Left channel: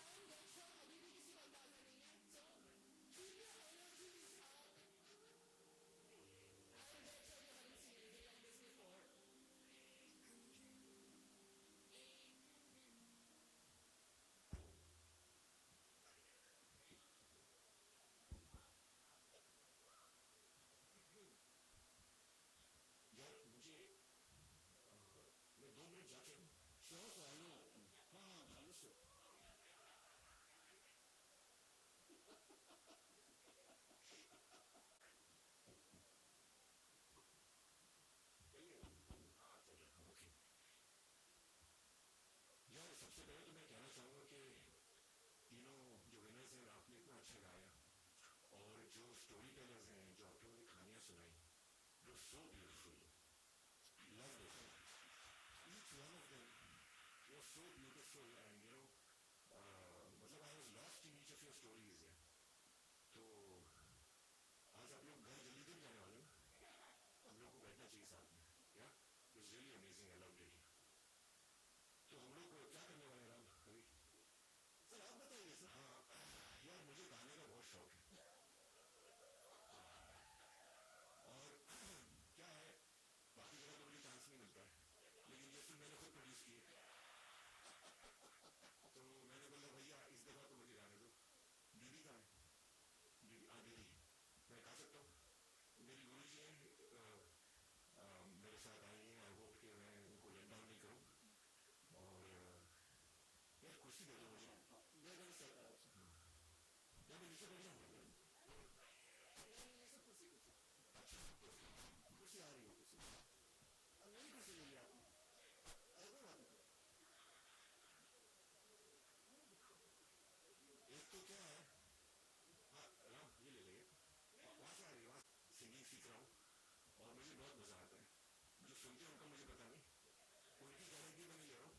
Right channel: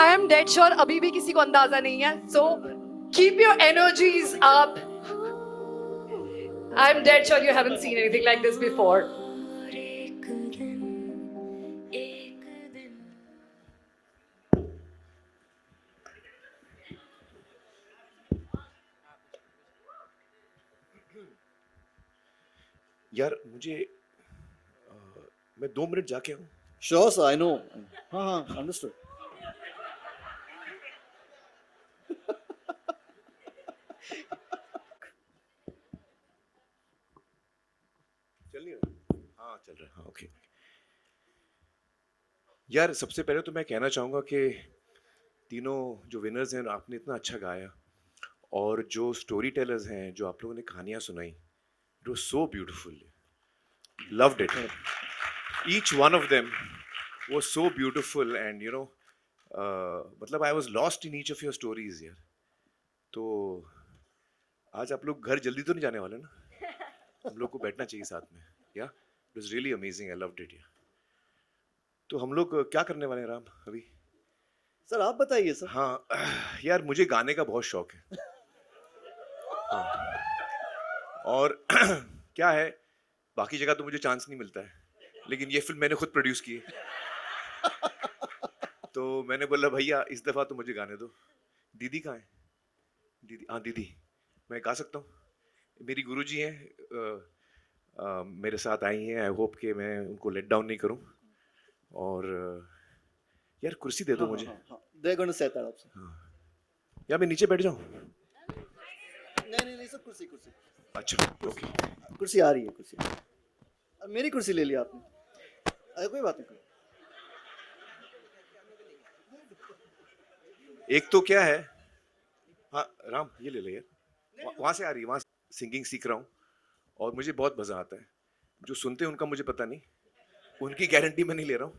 I am dead sure अभी भी किसी को अंदाजा नहीं है, so keep your energies up. I am dead sure you haven't seen anything like this before. यार मुझे मैं 2 मिनट जाके आऊँ. Sure, sir, I know. Understood. चल नहीं रहा? हाँ चल रहा है. हाँ ओके. यार सबसे पहले तो मैं कहना चाहूँगा कि तीनों जो विनर्स हैं आपने इतना अच्छा गाया, और जो स्टोरी टेलर्स हैं जो आप लोगों ने कहानियाँ सुनाई, it was so beautiful. Loved it. Each one of them was so beautiful and मतलब I was lost in each of your stories यार. तो आज आप लोग घर जल्दी तो नहीं जाने वाले ना? हम लोग को बैठना चाहिए साथ में. या it was really amazing. I loved it. तो हम लोग क्या करने वाले हैं राम अभी? सर आप बताइए सर. हाँ यार मुझे गाने का बहुत शौक है. हाँ. और क्या है, बाकी जगह तो मुझे चांस नहीं मिलता है, लेकिन ये फिल्म मैंने खुद प्रोड्यूस की है. तो मैंने बोला भैया इस दफा तो मुझे गाने दो. दीदी कहाँ है? दीदी, हाँ दीदी, मैं गा सकता हूँ. मेरी गुरुजी हैं, मेरे साथ आई हैं. आई होप कि मैं उनको लेट डाउन नहीं करूँ. और यार कुर्सी दे दो मुझे. They're going to set that up, sir. या मैं नीचे बैठ जाऊँ? नहीं सर, कुर्सी. अच्छा ओके. कुर्सी आ रही है, कुर्सी. अब मेरी कुर्सी ले लिया आपने. अरे कोई बात नहीं. एक तो क्या है, हाँ राम ये ले ले यार. वहाँ से आ रही है, वहाँ सिंगिंग सीख रहा हूँ और मुझे बहुत मज़ा आता है. जो सुनते हैं उनका मुझे पता नहीं, उनकी गारंटी मैं नहीं ले रहा हूँ,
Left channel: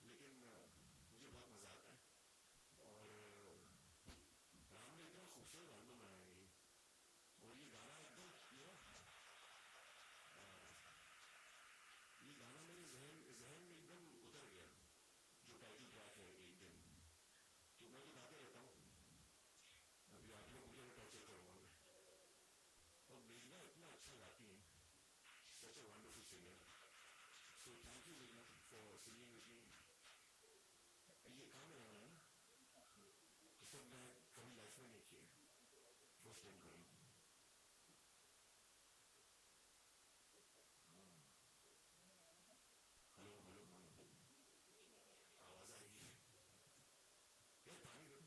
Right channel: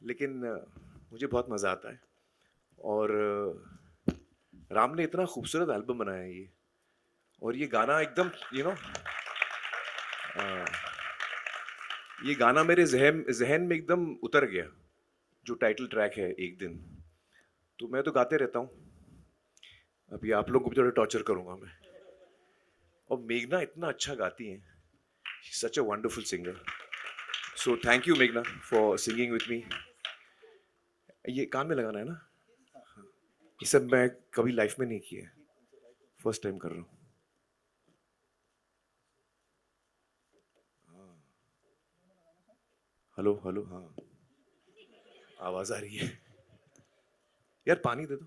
लेकिन मुझे बहुत मज़ा आता है. और राम ने इतना खूबसूरत एल्बम बनाया है ये, और ये गाना एकदम ये गाना मेरे जहन में एकदम उतर गया, जो टाइटल ट्रैक है एक दिन. तो मैं तो गाते रहता हूँ. अभी आप लोगों को भी थोड़ा टॉर्चर करूंगा मैं. और मेघना इतना अच्छा गाती हैं. Such a wonderful singer. So thank you मेघना फॉर सिंगिंग विथ मी. ये कान में लगाना है ना? ये सब मैं कभी लाइफ में नहीं किया है, फर्स्ट टाइम कर रहा हूँ. Hello hello. हाँ आवाज आ रही है. यार पानी दे दो.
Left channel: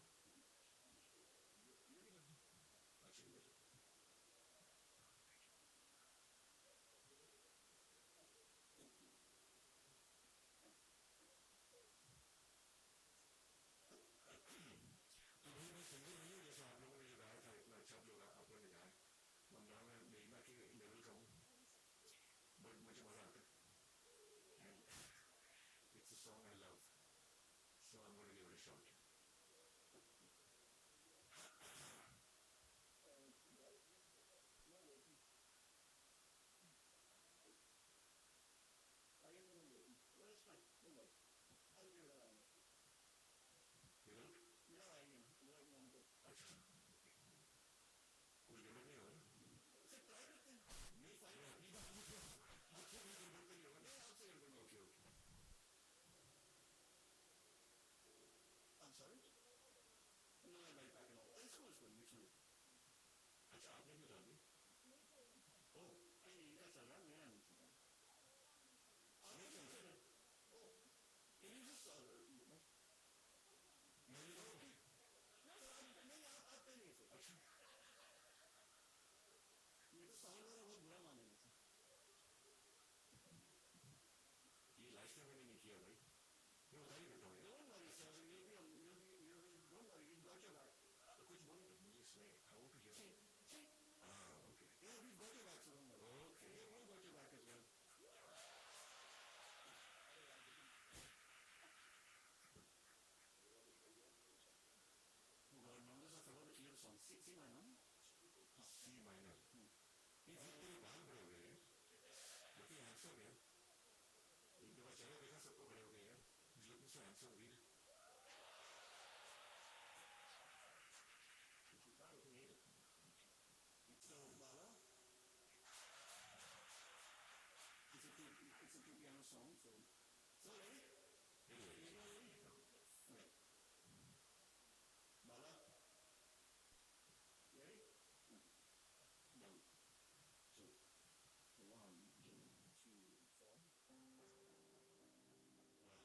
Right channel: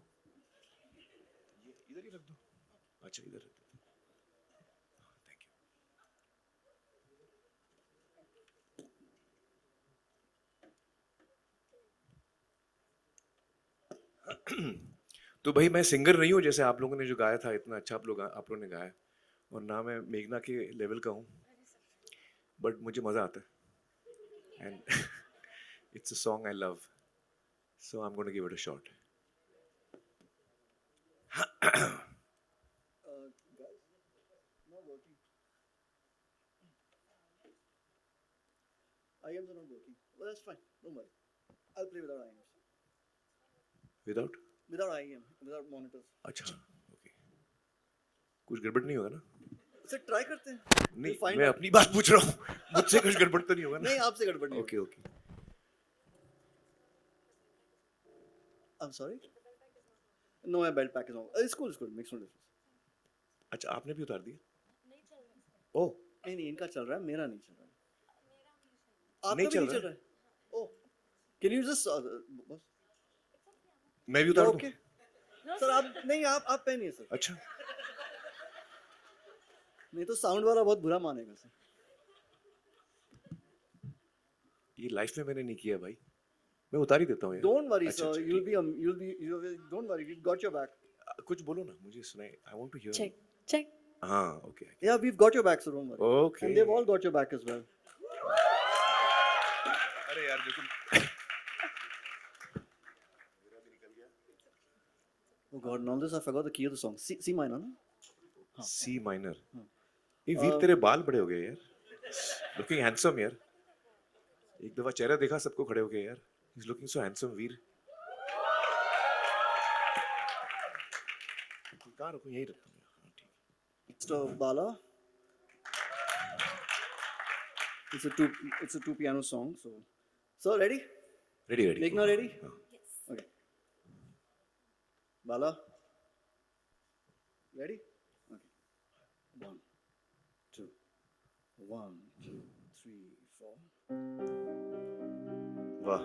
इधर ही रख दो. अच्छा इधर रख दो. तो भाई मैं सिंगर नहीं हूँ जैसे आप लोगों ने जो गाया था, इतना अच्छा आप लोगों ने गाया, और ना मैं मेघना के लेवल का हूँ, बट मुझे मज़ा आता है. And it's a song I love, so I am gonna give it a shot. IMs are not working. Well, that's fine. Don't worry. I'll play without IMs. Without? Without IM, without monitors. अच्छा okay. कुछ गड़बड़ नहीं होगा ना? Sir try करते हैं. नहीं find मैं out. अपनी बात पूछ रहा हूँ. मुझसे कुछ गड़बड़ तो नहीं होगा ना? नहीं आपसे गड़बड़ नहीं. Okay okay. I'm sorry. No, my belt pack is on. It's cool. Makes no difference. अच्छा आपने भी उतार दिया? ओह नहीं इनका चल रहा है, मेरा नहीं चल रहा है. आपका नहीं भी चल नहीं चल रहा रहा है. ओह, can you just बस. मैं भी उतार दूं? ओके. सर आप नहीं, आप पहनिए सर. अच्छा नहीं तो साउंड वाला बहुत बुरा मानेगा सर. ये लाइफ में मैंने नहीं किया भाई. मैं उतार ही देता हूँ यार. Don't worry अच्छा, sir, अच्छा, you'll be don't worry, we've got your back. कुछ बोलो ना, मुझे सुनाए. I want to hear. check. हाँ okay. Yeah, we've got your back, so don't worry. Okay. And they've all got your back as well. अरे यार देखो. Oh God, now this I forgot the key of the song. C minor, no? C minor. ये वीर तेरे बाल बड़े हो गए यार. लुकिंग हैंडसम यार. एक दफा चेहरा देखा सबको खड़े हो गए यार. He's looking so handsome वीर. हाँ रुको यही रखता हूँ. Mr. Bala. It's a two piano song. So ready? Ready, ready. Meghna ready? हाँ. Okay. Bala. Ready? Okay. 1, 2. 1, 2, 3, 4. वाह.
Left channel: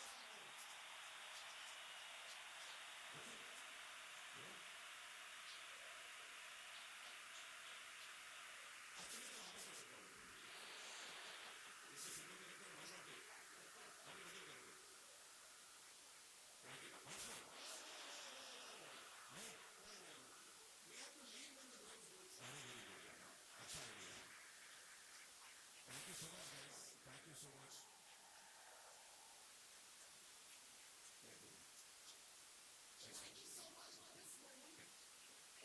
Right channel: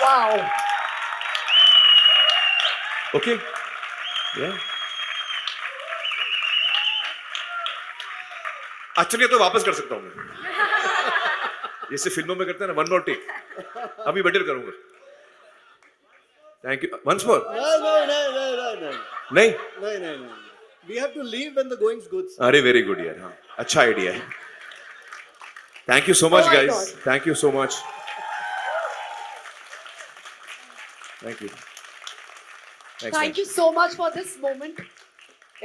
Wow. Okay. Yeah. अच्छा नहीं तो वापस कर सकता हूँ मैं जैसे फिल्मों में करते हैं ना वन मोर टेक अभी बेटर करूंगा thank you once more No. नहीं No. We have to leave when the going's good. अरे वेरी गुड यार हाँ अच्छा आइडिया है thank you so Oh much my guys God. Thank you so much thank you Thank you so much for this moment.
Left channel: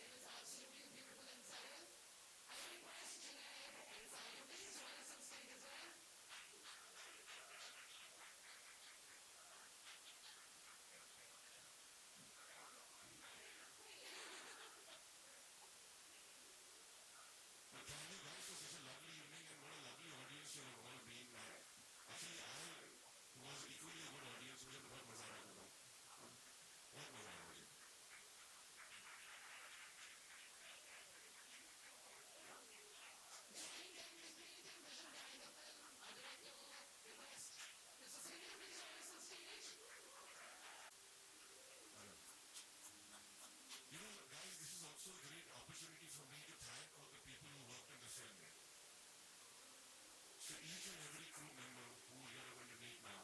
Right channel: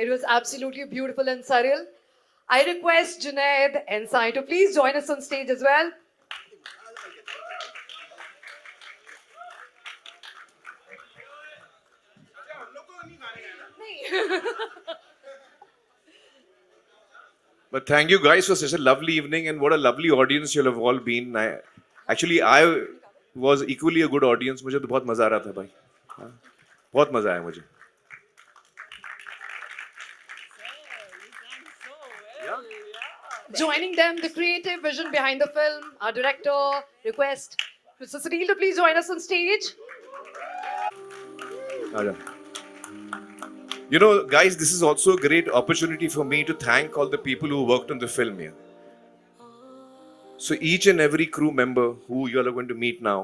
It was absolutely beautiful and surreal. I request Junaid and Sai to please join us on stage as well. But thank you guys for such a lovely evening and what a lovely audience you'll have all been. I was equally a good audience. मुझे तो बहुत मजा आ रहा था भाई. हाँ, बहुत मजा आया मुझे. Joining them, the creative vision behind the film, our director, request Mr. Sunil to please join us on stage. आजा. You know, guys, this is also a great opportunity for me to thank all the people who worked on the film here. So each and every crew member who you are going to meet now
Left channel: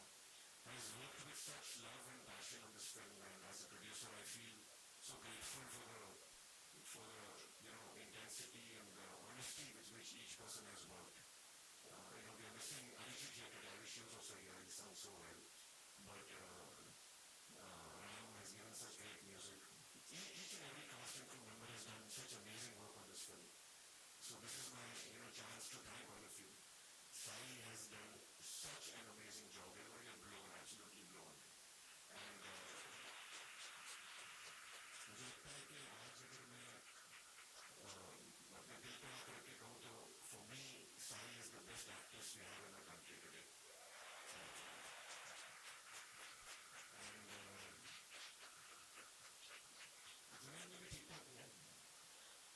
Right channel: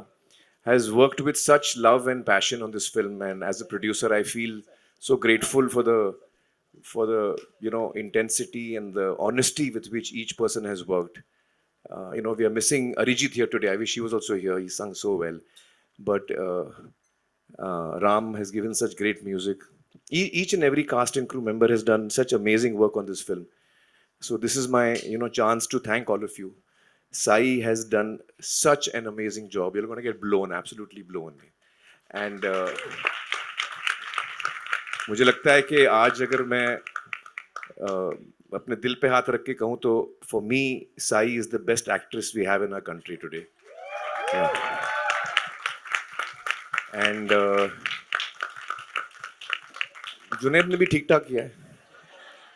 has worked with such love and passion on this film. And as a producer, I feel so grateful for the intensity and the honesty with which each person has worked. We are missing Arijit here today. I wish he was also here. He sung so well. But Ram has given such great music. Each and every cast and crew member has done such amazing work on this film. So this is my chance to thank all of you. Sai has done such an amazing job. You're going to get blown, absolutely blown. And मुझे लगता है कि आज अगर मैं अपने दिल पे हाथ रख के कहूँ तो for me, Sai is the best actress we have in our country today. Yeah. And Junaid ने भी ठीक ठाक किया है.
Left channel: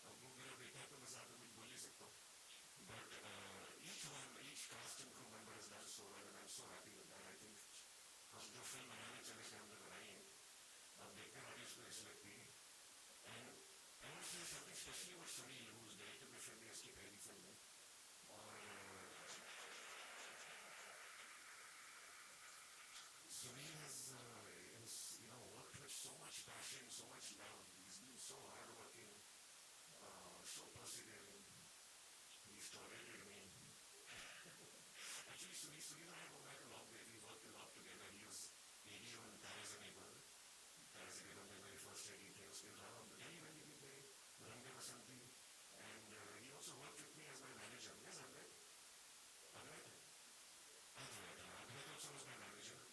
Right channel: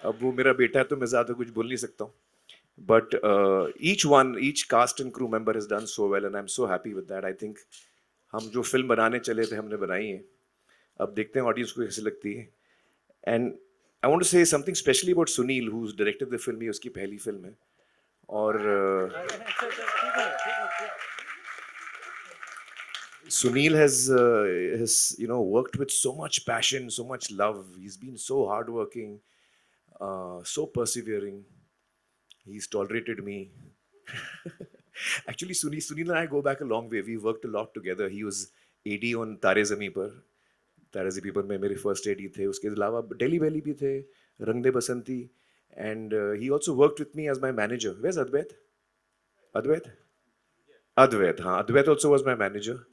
अब वो मेरा बेटा है तो मैं ज़्यादा कुछ बोल नहीं सकता हूँ. But each cast and crew member has done so well, and I'm so happy with that. I think हम जो फिल्म बनाने चले थे हमने बनाई है. अब देखते हैं ऑडियंस को कैसे लगती है. And I want to say something specially about Sunil, who's directed the film. ये उसकी पहली फिल्म है. और Sunil has worked with so much passion, so much love. He's been so hardworking, so persevering. He's tolerated me. Actually, Sunil and I go back a long way. We worked a lot together. He was AD on Tare Zameen Par. तारे ज़मीं पर में मेरे first AD थे. उसके अलावा daily valley भी थे, रंग दे बसंती. And he also worked with me as my manager. Where's Advait? Advait, हाँ. Advait also was my manager.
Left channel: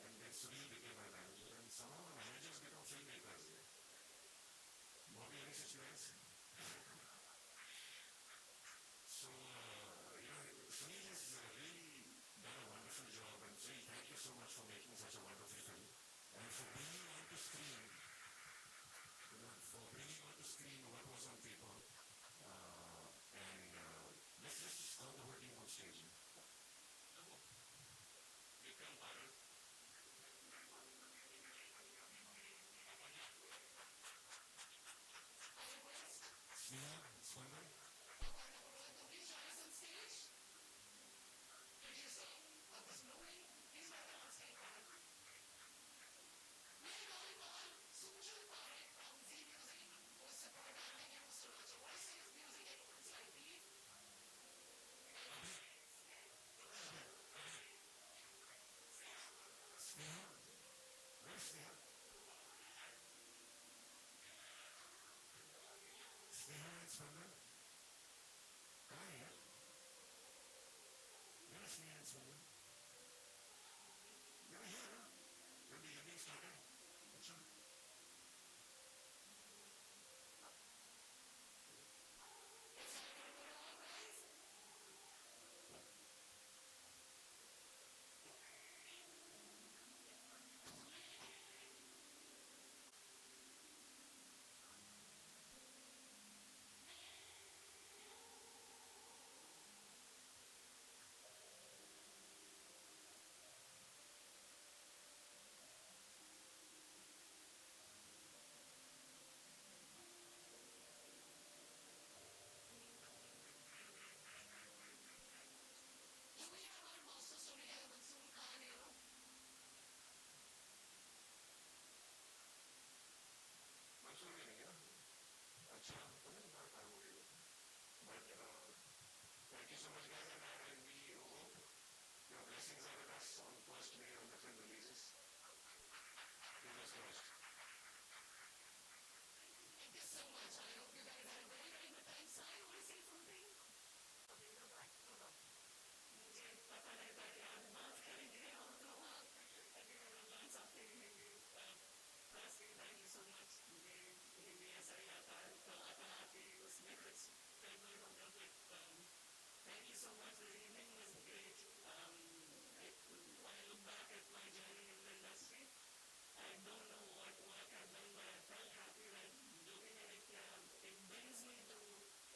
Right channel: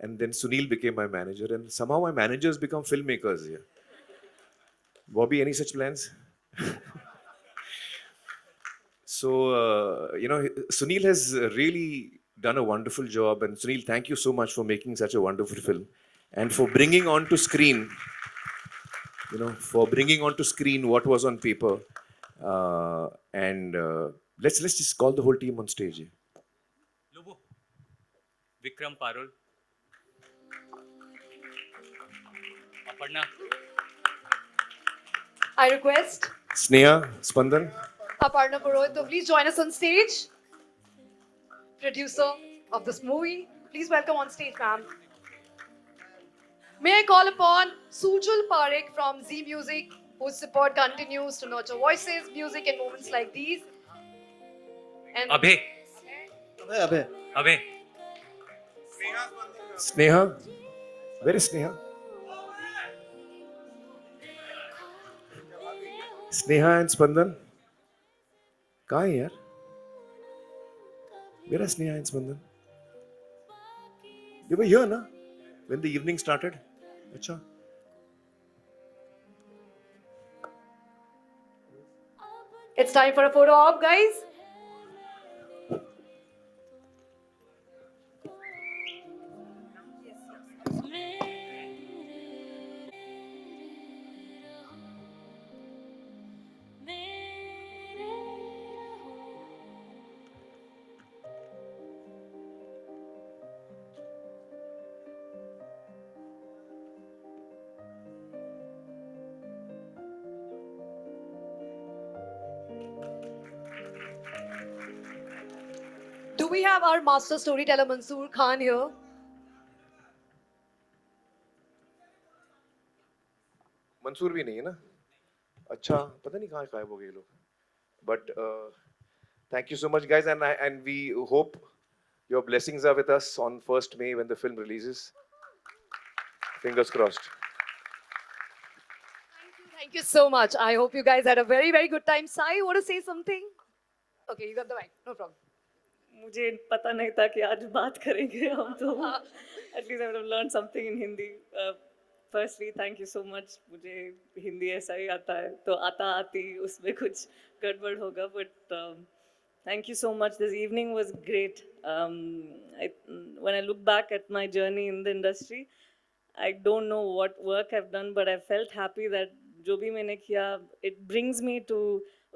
And then Sunil became my manager. And somehow my managers become filmmakers here. Bobby, any such plans? So, Sunil has really done a wonderful job. And Sunil, thank you so much for making such a wonderful film. And for bringing onto screen, what was on paper. And let's just call the whole team on stage. Lobo, Vikram Parul, Aparna, I request Sneha, Spandan. Aparna Purohit to please join us on stage. Producer of this movie. Please welcome on stage, ma'am. May I call upon Sujal Parekh from Z Music, whose support continues to nurture voices, music, and moments like these. And Abhay, Abhay. Sneha. Where is Sneha? Sneha and Spandan. कहाँ है यार? Where are Sneha and Spandan? They were here, na? When the evening started. अच्छा. it's time for a photo op, guys. we have our master storyteller Mansoor Khan here? Mansoor भी नहीं है ना अच्छा पता नहीं कहाँ गायब हो गए ये लोग but thank you so much guys and we hope your blessings are with us on 1st May when the film releases fingers crossed Thank you so much. I hope you guys had a very, very good time. Sai, you want to say something? Okay, you got the mic. No problem. मुझे पता नहीं था कि आज बात करेंगे हम तो at least I would have learned something in Hindi. Firstly, thank you so much. मुझे हिंदी ऐसा ही आता है तो आता आती उसमें कुछ गड़बड़ होगा but thank you so much. This evening was great. When I look back at my journey in the industry, I don't know what work I've done, but I felt happy that जो भी मैंने किया, it brings me to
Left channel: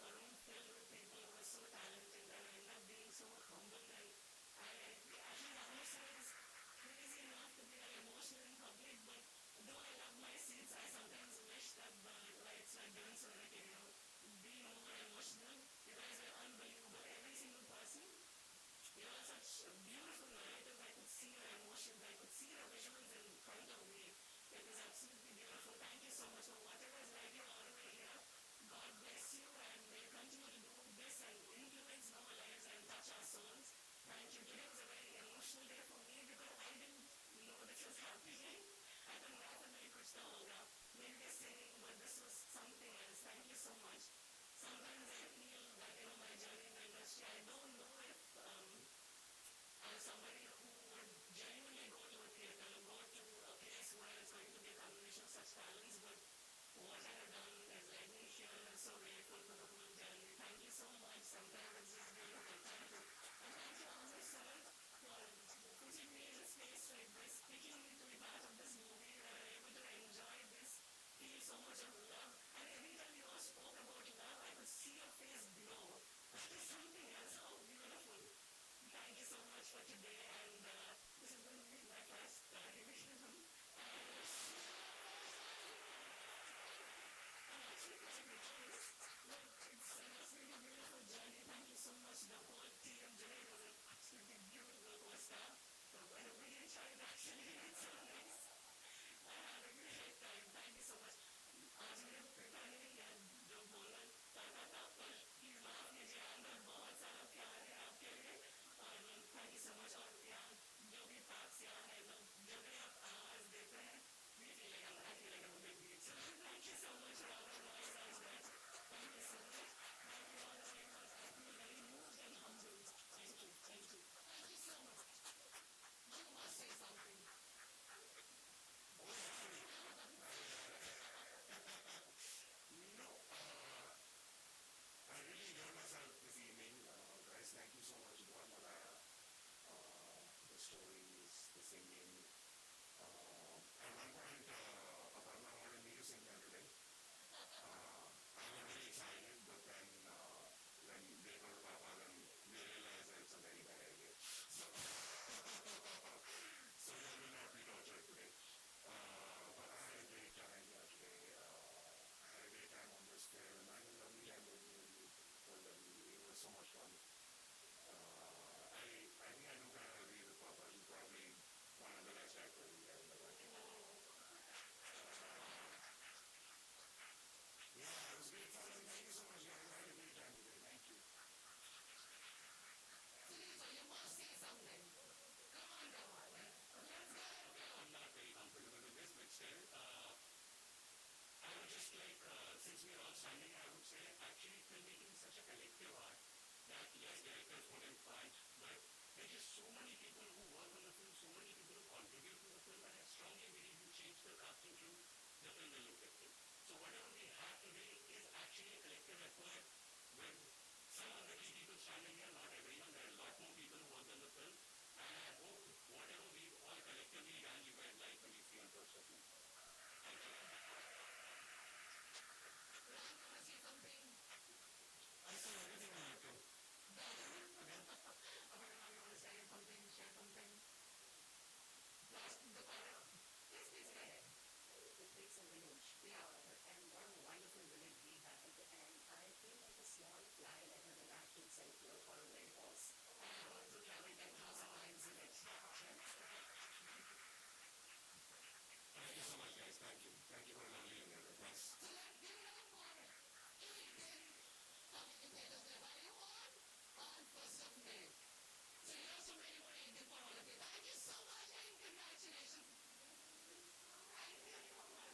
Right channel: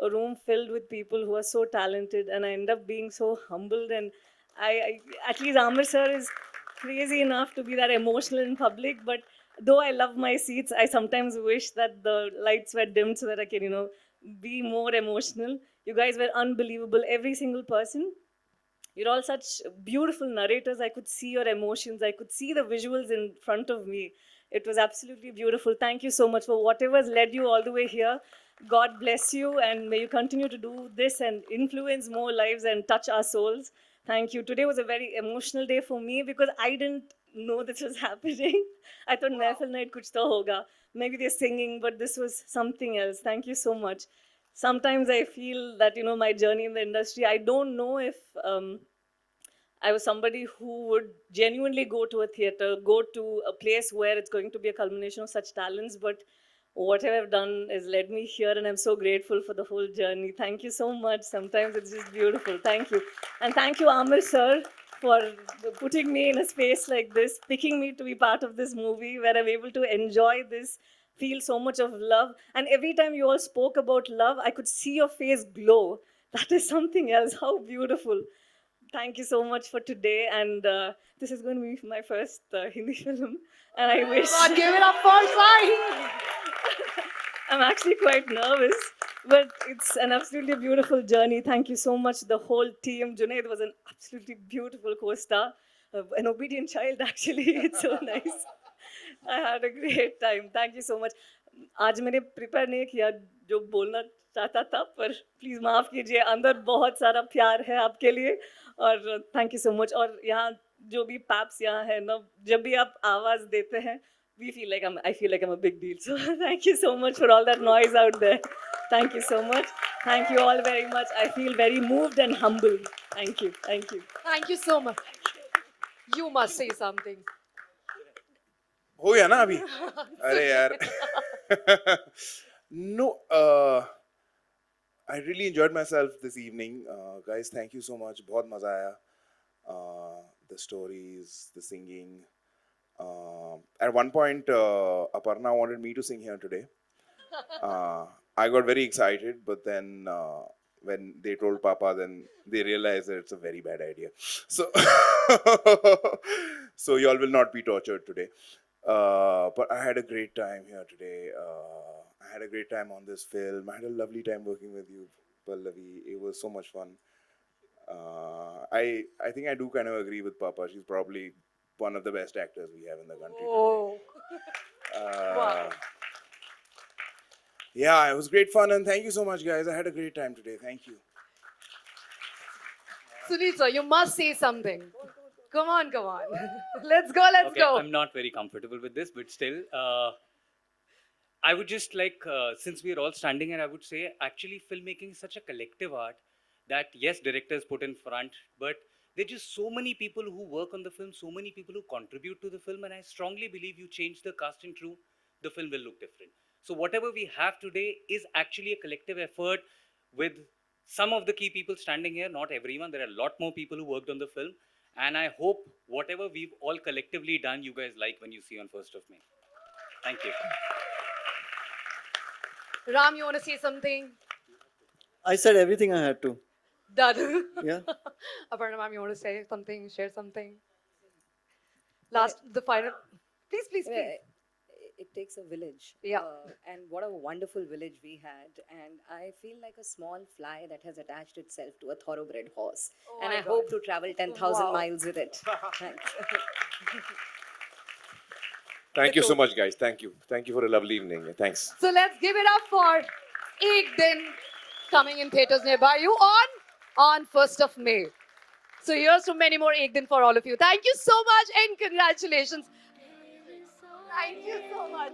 a room filled with people who are so talented, and I end up being so humbled. And I at least Amir sir is crazy enough to be that emotional in public. But though I love my seats, I sometimes wish that the lights were dimmed so that I can, be more emotional. You guys were unbelievable, every single person. You're all such beautiful narrators. I could see your emotions. I could see the visuals in front of me. It was absolutely beautiful. Thank you so much for whatever's led you all the way here. God bless you, and may you continue to do this and influence more lives and touch our souls. Thank you. Today was a very emotional day for me because I didn't know this was happening. I thought Mehfil night kuch to hoga. Maybe they're singing, but this was something else. Thank you so much. Sometimes I feel that, my journey in the industry, I don't know if I was somebody who would genuinely go to a theater, go to a place where it's going to be a culmination of such talents. But whatever I've done has led me here, and I'm so grateful for the whole journey. Thank you so much. Sometimes it's just beautiful. Thank you. And thank you, Amir sir, for putting me in a space like this, picking me to be part of this movie where I'm able to enjoy this, feel so much of love. And every time you all spoke about love, I could see your face glow. That is something else. How beautiful. Thank you so much for today. And this is going to be my first Hindi film. And I wish. God, give it up for Sai. I'm actually quite nervous, but it's an absolutely beautiful journey. Thank you so much, the whole team. Junaid was an absolutely beautiful co-star, an obedient child actually. It's so nice. I had a great time. Thank you so much. आज मैंने prepare नहीं किया जो बोलना चाहता था पर please माफ कीजिए अंदर बहुत सारा प्यार है आपके लिए और थैंक यू सो मच और यहाँ जो भी पैप्स यहाँ है ना जब भी आप आवाज देते हैं I feel like I'm a big deal. So thank you so much for all that noise out there. Thank you so much. Thank you all very much. I feel very moved and humbled. Thank you. Thank you. Thank you so much. You must say something. हो गया ना अभी अरे यार no I really enjoyed myself this evening guys thank you so much बहुत मजा आया the stories the singing at one point Aparna wanted me to sing here today I got very excited but then when they told Papa then they realized that it's a very bad idea so so y'all will not be tortured today but I had a great time here today. I had a great time on this film. I had a lovely time working with you, Pallavi. It was so much fun. I think I do kind of agree with Papa. She's probably one of the best actors we have in the country. Oh. Wow. Yeah, it was great fun and thank you so much, guys. I had a great time today. Thank you. Sunita, you must say something. Come on. Let's go. I'm not very comfortable with this, but still, I would just like, since we are all standing here, I would say actually filmmaking is such a collective art that yes, directors put in front, but there are just so many people who work on the film, so many people who contribute to the film, and I strongly believe you change the cast and crew, the film will look different. So whatever we have today is actually a collective effort with some of the key people standing here, not everyone. There are a lot more people who worked on the film. And I hope whatever we've all collectively done, you guys like when you see on 1st of May. Thank you. Ram, you want to say something? I said everything I had to. Done. Yeah. Aparna ma'am, you want to say something, share something? The final. Please. it takes a village. Yeah. And what a wonderful village we had. And I feel like a small fly that has attached itself to a thoroughbred horse. And my I God. hope to travel 10,000 Wow. miles with it. Thanks. Thank you so much, guys. Thank you. Thank you for a lovely evening. Thanks. So let's give it up for Ek Din coming in theaters nearby you on 1st of May. So here's to many more Ek Din for all of you. Thank you so much and congratulations. Thank you so much.